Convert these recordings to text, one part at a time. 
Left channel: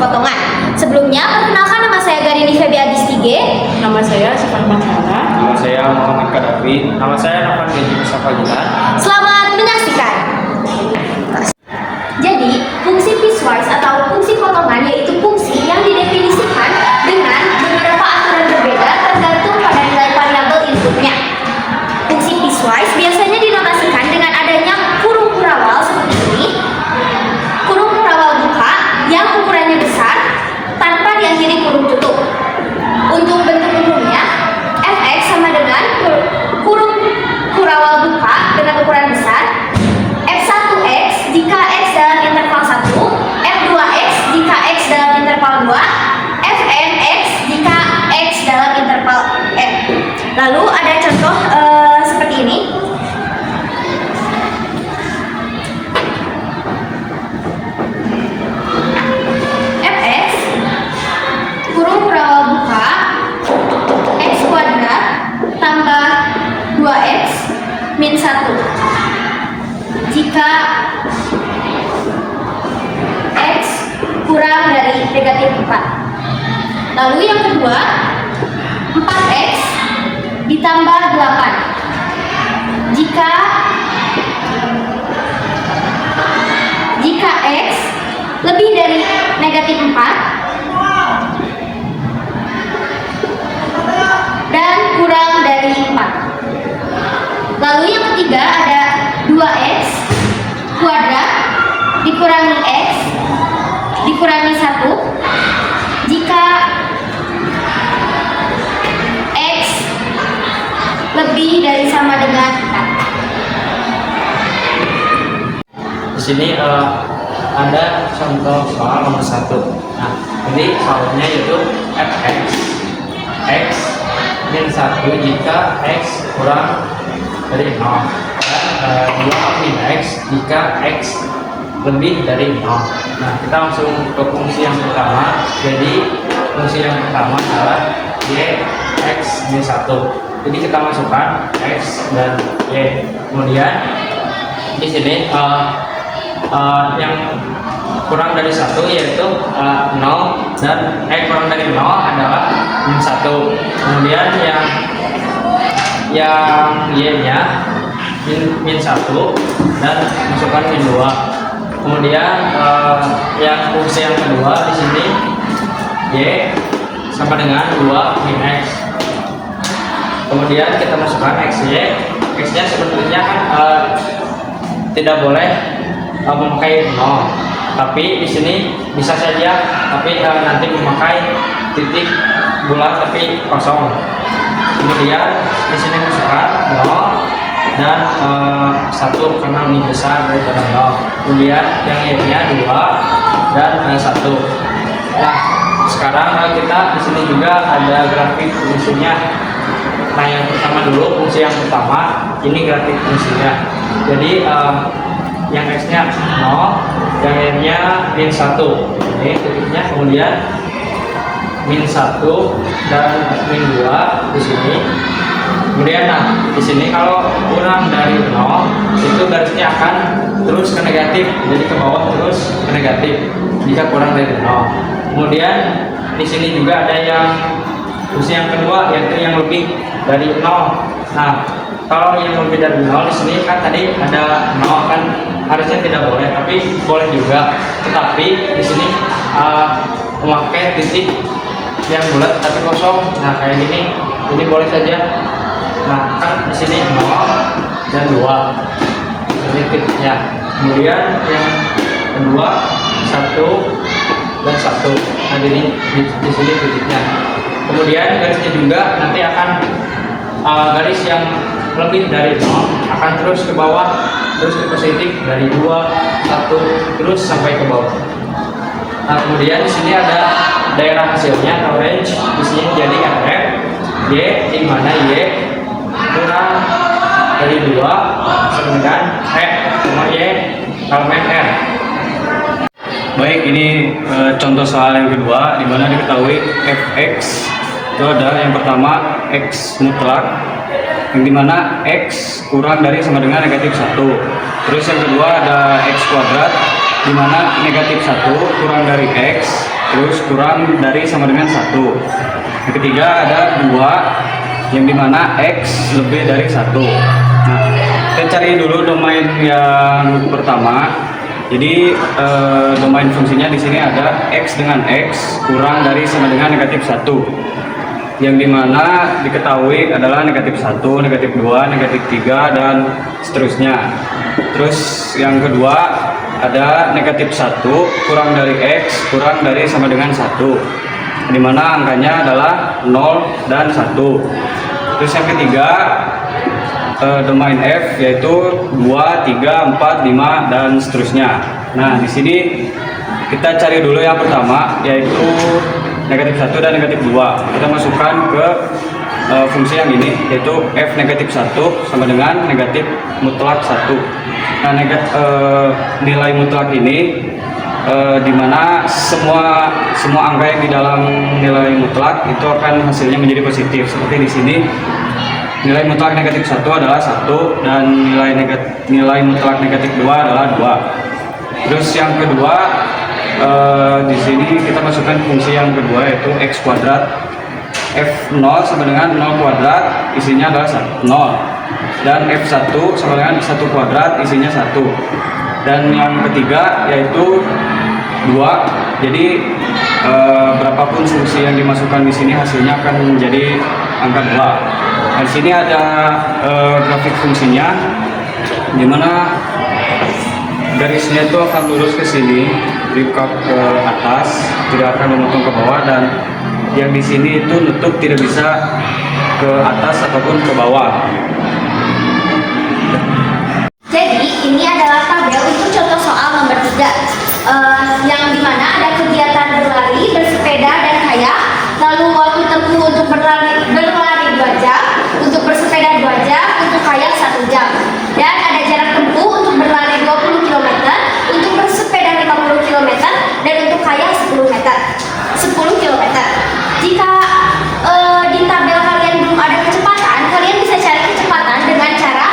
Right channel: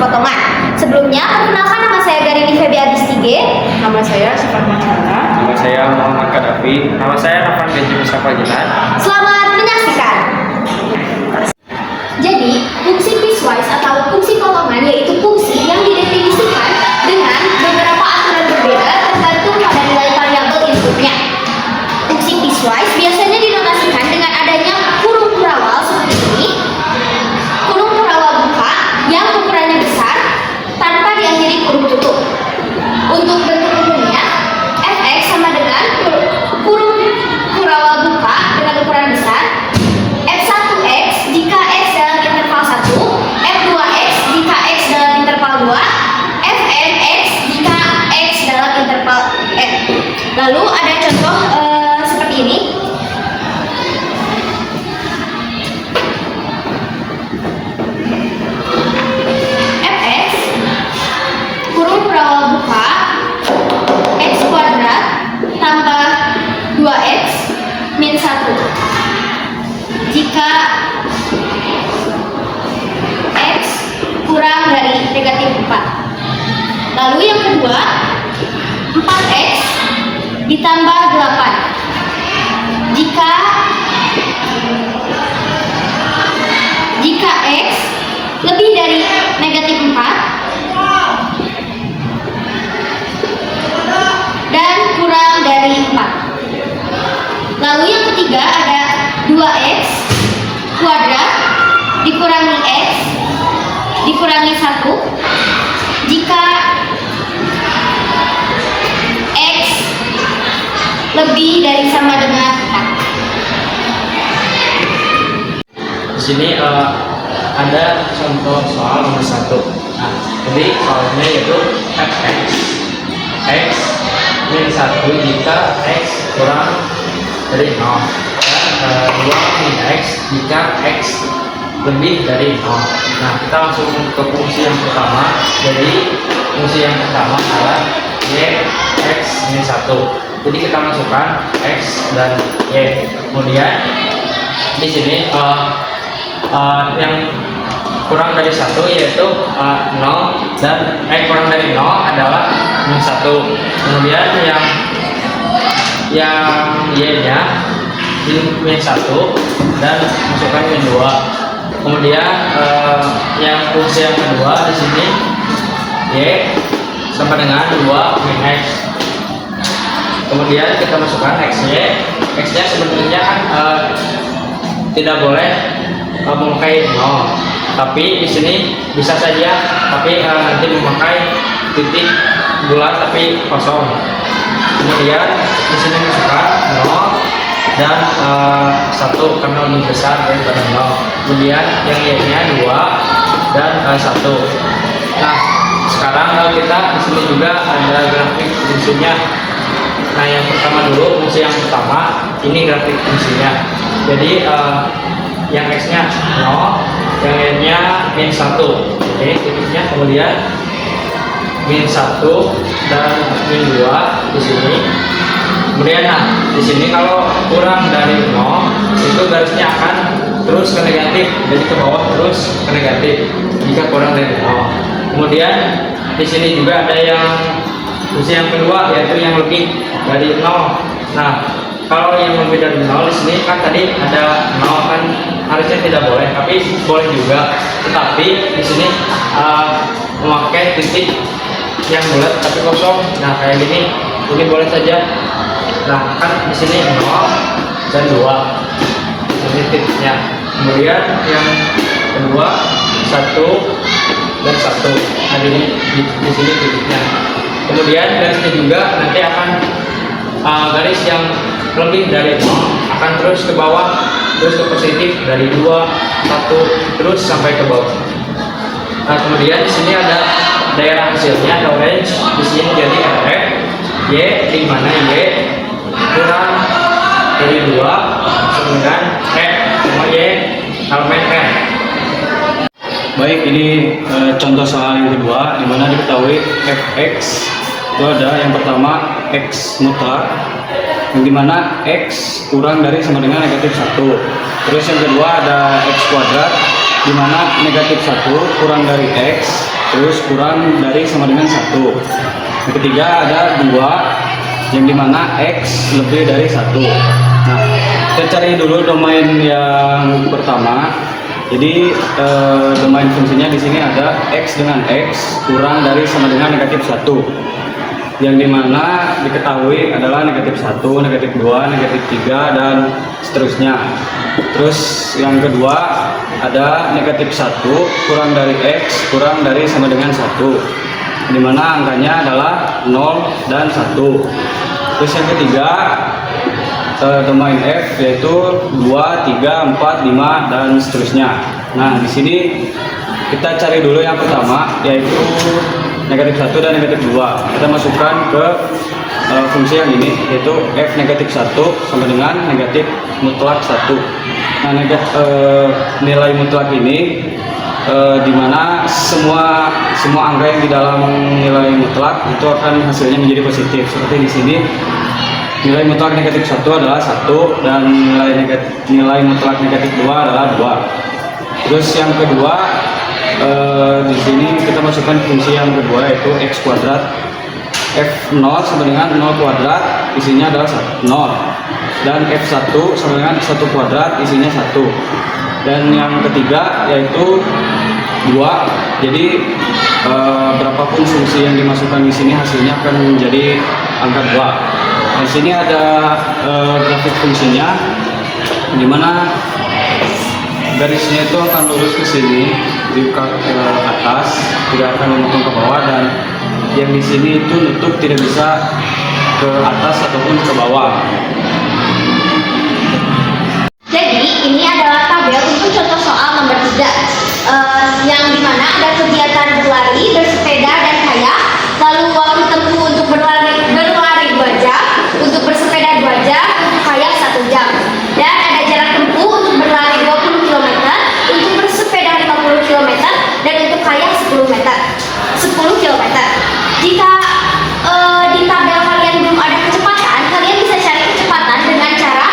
potongan. Sebelumnya, perkenalkan nama saya Garini Febi Adistige. Nama saya Sifat Masyara. Nama saya Muhammad Kadafi. Nama saya Nafan Genji Mustafa Jilan. Selamat menyaksikan. Jadi, fungsi piecewise atau fungsi potongan yaitu fungsi yang didefinisikan dengan beberapa aturan berbeda tergantung pada nilai variabel inputnya. Fungsi piecewise biasanya dinotasikan dengan adanya kurung kurawal seperti ini. Kurung kurawal buka yang ukurannya besar tanpa diakhiri kurung tutup. Untuk bentuk umumnya, fx sama dengan kurung kurawal buka dengan ukuran besar, f1x jika x dalam interval 1, f2x jika x dalam interval 2, fnx jika x dalam interval n. Lalu ada contoh seperti ini. Fx kurung kurawal buka x kuadrat tambah 2x min 1 jika x kurang dari negatif 4. Lalu yang kedua, 4x ditambah 8 jika x lebih dari negatif 4 dan kurang dari 4. Lalu yang ketiga ada 2x kuadrat dikurangi x dikurangi 1 jika x lebih dari sama dengan 4. Di sini ada contoh soal nomor 1. Nah, jadi soalnya yaitu fx x min 1 jika x kurang dari 0 dan 2 min x jika x lebih dari 0. Nah, kita langsung ke fungsi yang pertama. Jadi fungsi yang pertama adalah y x min 1. Jadi kita masukkan x dan y. Kemudian di sini yang kurang dari 1 yaitu 0 dan kurang dari 0 adalah min 1. Kemudian yang y-nya min 1 dan masukkan min 2. Kemudian yang fungsi yang kedua di sini y sama dengan 2 min x. Kemudian kita masukkan x-nya sebenarnya kan tidak boleh memakai 0, tapi di sini bisa saja, tapi nanti memakai titik bulat tapi kosong. Kemudian di sini masukkan 0 dan 1 karena lebih besar daripada 0. Kemudian yang y-nya 2 dan 1. Nah, sekarang kita di sini juga ada grafik fungsinya. Nah, yang pertama dulu fungsi yang pertama ini grafik fungsinya. Jadi yang x-nya 0, yang y-nya min 1. Ini titiknya, kemudian min 1 dan min 2 di sini. Kemudian di sini kalau kurang dari 0 itu garisnya akan terus ke negatif, jadi ke bawah terus ke negatif jika kurang dari 0. Kemudian di sini juga ada yang fungsi yang kedua yaitu yang lebih dari 0. Nah, kalau yang lebih dari 0 di sini kan tadi ada 0 kan harusnya tidak boleh, tapi boleh juga. Tetapi di sini memakai titik yang bulat tapi kosong. Nah, kayak gini, ini boleh saja. Nah, kan di sini 0 dan 2. Ini titiknya. Kemudian yang kedua 1 dan 1. Nah, ini di sini titiknya. Kemudian garisnya juga nanti akan garis yang lebih dari 0 akan terus ke bawah, terus ke positif dari 2, 1 terus sampai ke bawah. Nah, kemudian di sini ada daerah hasilnya orange. Di sini jadi fx y di mana y kurang dari 2 sama dengan sama y elemen r. Baik, ini contoh soal yang kedua di mana diketahui fx itu ada yang pertama x mutlak yang dimana x kurang dari sama dengan negatif 1. Terus yang kedua ada x kuadrat dimana negatif 1 kurang dari x terus kurang dari sama dengan 1. Yang ketiga ada 2, yang dimana X lebih dari 1. Nah, kita cari dulu domain yang pertama. Jadi domain fungsinya di sini ada X dengan X kurang dari sama dengan negatif 1, yang dimana diketahui adalah negatif 1, negatif 2, negatif 3, dan seterusnya. Terus yang kedua ada negatif 1 kurang dari X kurang dari sama dengan 1, dimana angkanya adalah 0 dan 1. Terus yang ketiga domain F yaitu 2, 3, 4, 5, dan seterusnya. Nah, di sini kita cari dulu yang pertama yaitu negatif 1 dan negatif 2. Kita masukkan ke fungsi yang ini yaitu F negatif 1 sama dengan negatif mutlak 1. Nah, nilai mutlak ini dimana semua angka yang di dalam nilai mutlak itu akan hasilnya menjadi positif. Seperti di sini nilai mutlak negatif 1 adalah 1 dan nilai mutlak negatif 2 adalah 2. Terus yang kedua di sini kita masukkan fungsi yang kedua yaitu X kuadrat. F0 sama dengan 0 kuadrat isinya adalah 0, dan F1 sama dengan 1 kuadrat isinya 1. Dan yang ketiga yaitu 2. Jadi berapapun fungsi yang dimasukkan di sini hasilnya akan menjadi angka 2. Di sini ada grafik fungsinya, di mana garisnya itu akan lurus ke sini, dibuka ke atas, tidak akan memotong ke bawah, dan yang di sini itu nutup tidak bisa ke atas ataupun ke bawah. Jadi ini adalah tabel untuk contoh soal nomor 3, yang dimana ada kegiatan berlari, bersepeda, dan kayak. Lalu waktu tempuh untuk berlari 2 jam, untuk bersepeda 2 jam, untuk kayak 1 jam. Dan ada jarak tempuh untuk berlari 20 km, untuk bersepeda 50 km, dan untuk kayak 10 km. Jika di tabel kalian belum ada kecepatan, kalian bisa cari kecepatan dengan cara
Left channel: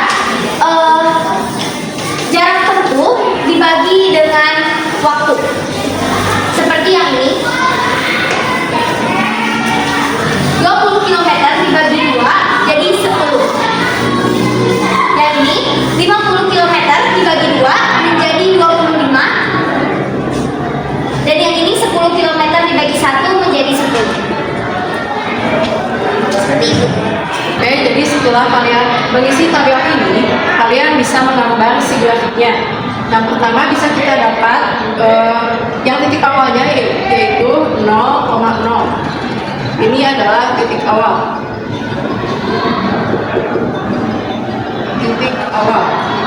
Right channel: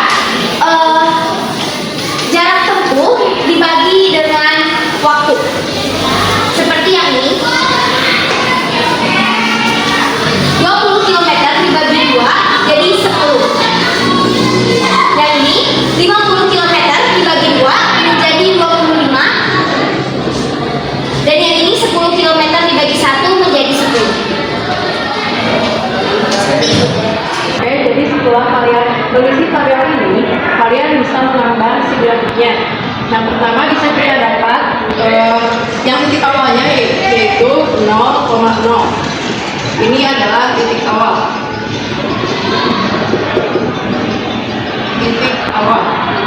jarak tempuh dibagi dengan waktu. Seperti yang ini. 20 km dibagi 2 jadi 10. Yang ini 50 km dibagi 2 menjadi 25. Dan yang ini 10 km dibagi 1 menjadi 10. Seperti itu. Oke, jadi setelah kalian mengisi tabel ini, kalian bisa menggambar si grafiknya. Yang pertama bisa kita dapat yang titik awalnya yaitu 0,0. Ini adalah titik awal. Titik awal.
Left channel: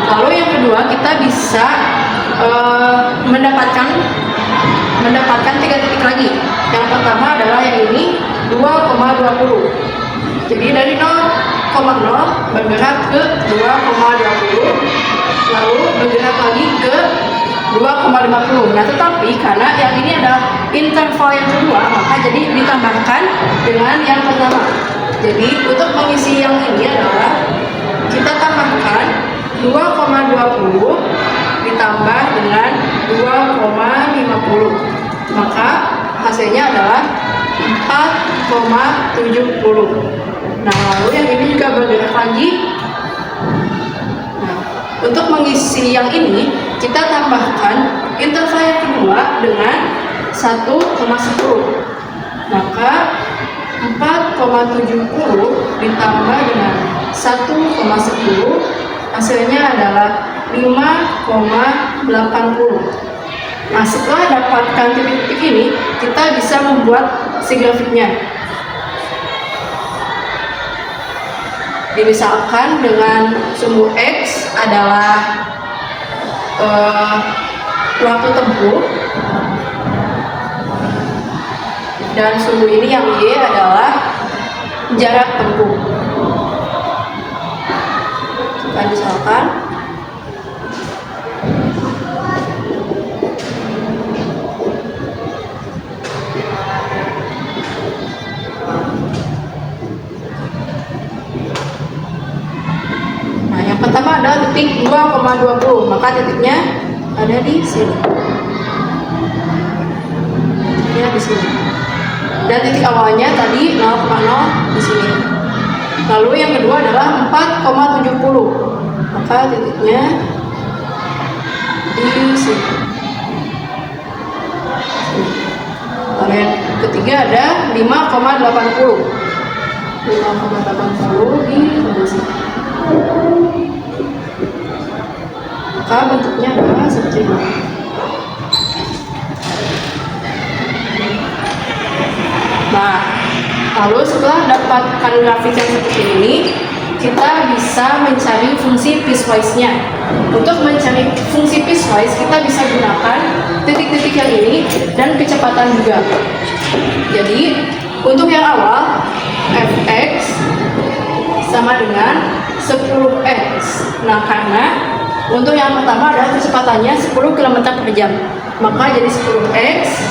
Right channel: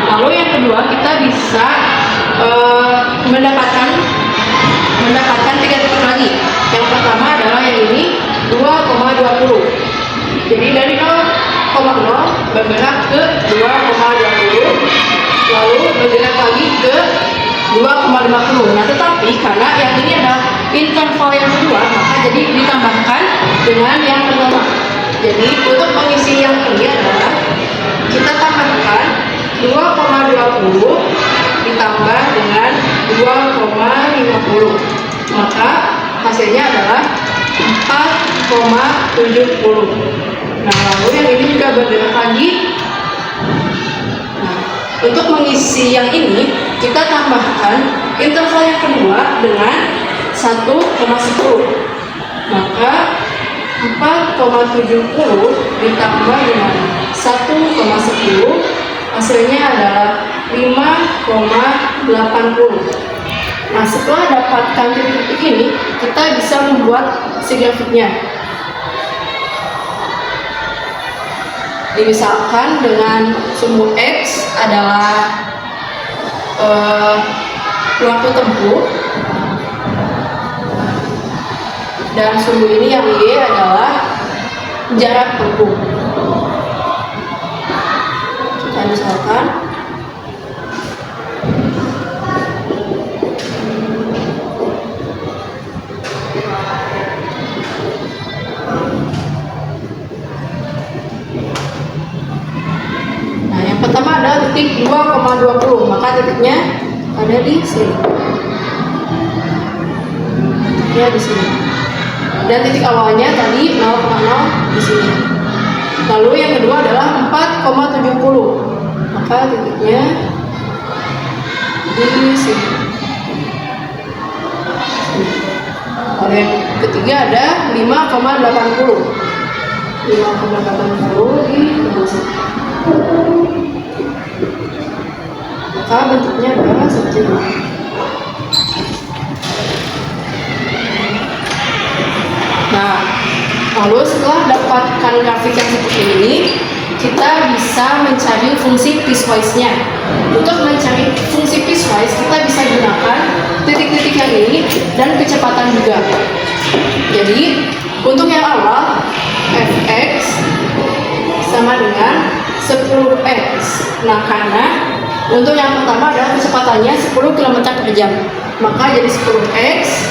Lalu yang kedua kita bisa mendapatkan 3 titik lagi. Yang pertama adalah yang ini 2,20. Jadi dari 0,0 bergerak ke 2,20, lalu bergerak lagi ke 2,50. Nah, tetapi karena yang ini adalah interval yang kedua, maka jadi ditambahkan dengan yang pertama. Jadi untuk mengisi yang ini adalah kita tambahkan 2,20 ditambah dengan 2,50. Maka hasilnya adalah 4,70. Nah, lalu yang ini juga bergerak lagi. Nah, untuk mengisi yang ini kita tambahkan interval yang kedua dengan 1,10. Maka 4,70 ditambah dengan 1,10 hasilnya adalah 5,80. Nah, setelah dapatkan titik-titik ini, kita bisa membuat si grafiknya. Misalkan dengan sumbu X adalah waktu tempuh, dan sumbu ini yang Y adalah jarak tempuh. Kita misalkan pertama adalah titik 2,20, maka titiknya ada di sini. titiknya di sini. Dan titik awalnya tadi 0,0 di sini. Lalu yang kedua adalah 4,70. Maka titiknya di sini. Lalu yang ketiga ada 5,80. 5,80 di sini. Maka bentuknya adalah seperti ini. Nah, lalu setelah dapatkan grafik yang seperti ini, kita bisa mencari fungsi piecewise-nya. Untuk mencari fungsi piecewise, kita bisa gunakan titik-titik yang ini dan kecepatan juga. Jadi, untuk yang awal, fx sama dengan 10x. Nah, karena untuk yang pertama adalah kecepatannya 10 km per jam. Maka jadi 10x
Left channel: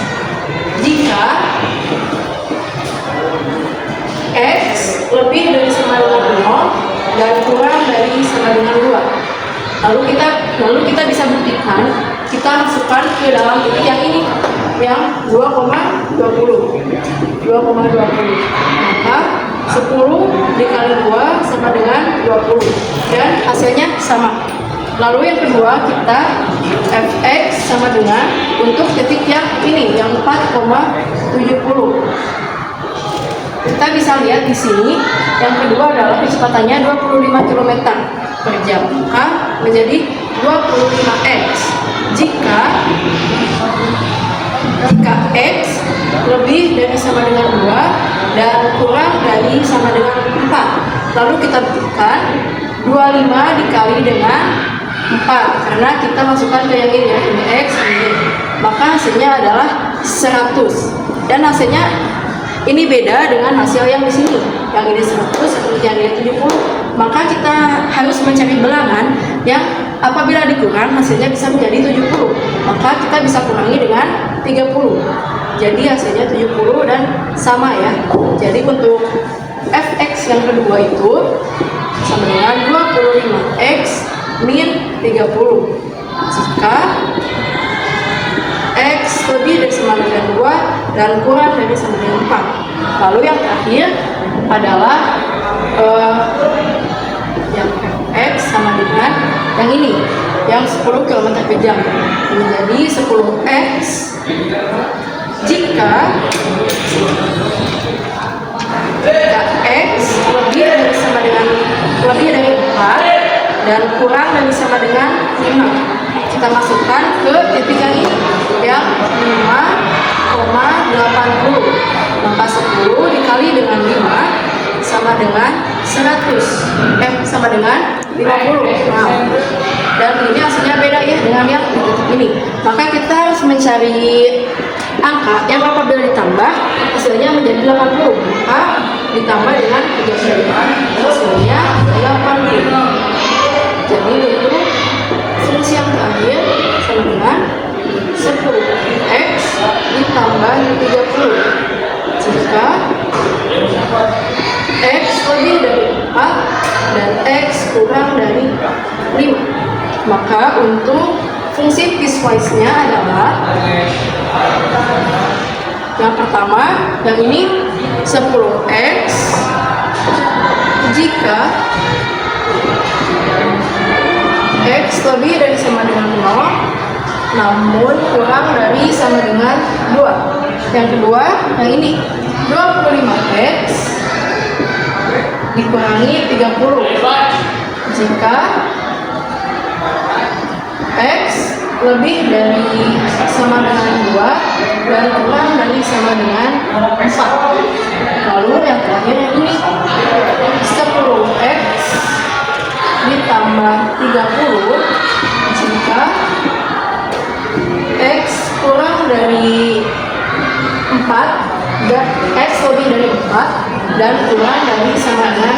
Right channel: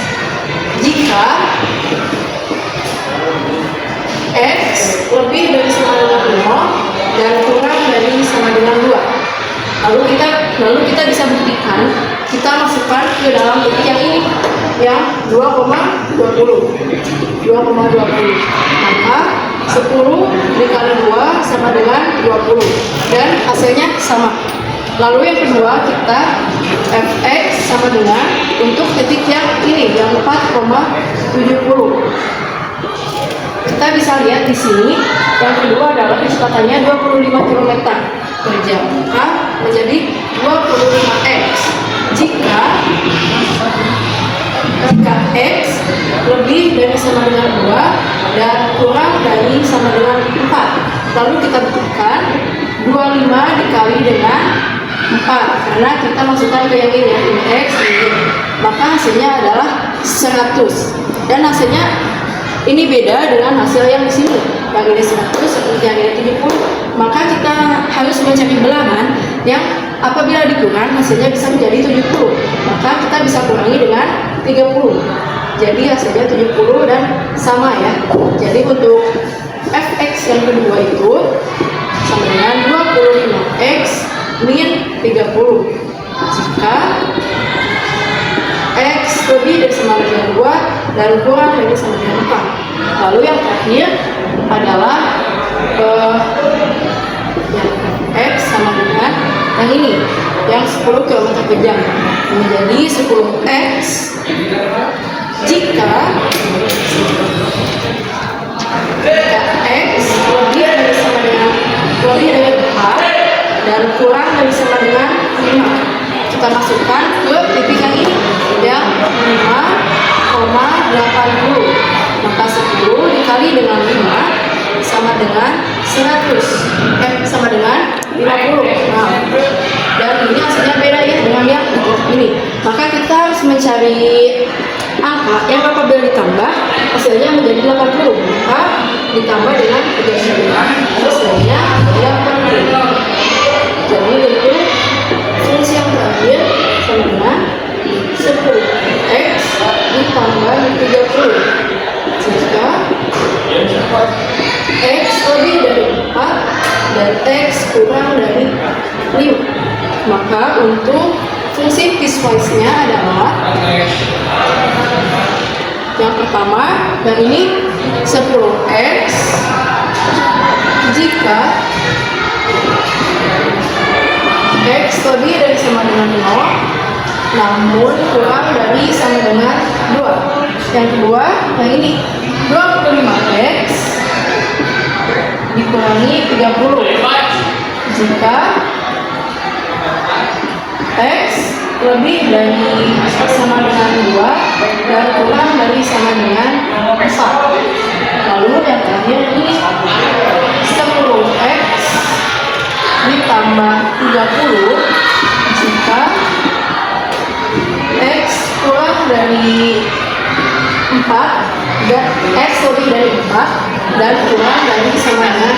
jika x lebih dari sama dengan 0 dan kurang dari sama dengan 2. Lalu kita bisa buktikan, kita masukkan ke dalam titik yang ini yang 2,20. Maka 10 dikali 2 sama dengan 20 dan hasilnya sama. Lalu yang kedua kita fx sama dengan untuk titik yang ini yang 4,70. Kita bisa lihat di sini yang kedua adalah kecepatannya 25 km per jam, maka menjadi 25x jika x lebih dari sama dengan 2 dan kurang dari sama dengan 4. Lalu kita buktikan 25 dikali dengan 4 karena kita masukkan ke yang ini ya, ini x ini. Maka hasilnya adalah 100 dan hasilnya ini beda dengan hasil yang di sini. Yang ini 100, yang ini 70. Maka kita harus mencari bilangan yang apabila dikurang hasilnya bisa menjadi 70. Maka kita bisa kurangi dengan 30. Jadi hasilnya 70 dan sama ya. Jadi untuk fx yang kedua itu sama dengan 25x min 30. Jika x lebih dari sama dengan 2 dan kurang dari sama dengan 4. Lalu yang terakhir adalah yang fx sama dengan yang ini yang 10 km per jam menjadi 10x jika x lebih dari sama dengan 4 dan kurang dari sama dengan 5. Kita masukkan ke titik yang ini yang 5,80. Maka 10 dikali dengan 5 sama dengan 100 sama dengan 50. Nah, dan ini hasilnya beda ya dengan yang di titik ini. Maka kita harus mencari angka yang apabila ditambah hasilnya menjadi 80. Maka ditambah dengan 3 hasilnya 80. Jadi bentuk fungsi yang terakhir sama dengan 10x ditambah 30 jika x lebih dari 4 dan x kurang dari 5. Maka untuk fungsi piecewise-nya adalah yang pertama yang ini 10x jika x lebih dari sama dengan 0 namun kurang dari sama dengan 2. Yang kedua yang ini 25x dikurangi 30 jika x lebih dari sama dengan 2 dan kurang dari sama dengan 4. Lalu yang terakhir ini 10x ditambah 30 jika x kurang dari 4 dan x lebih dari 4 dan kurang dari sama dengan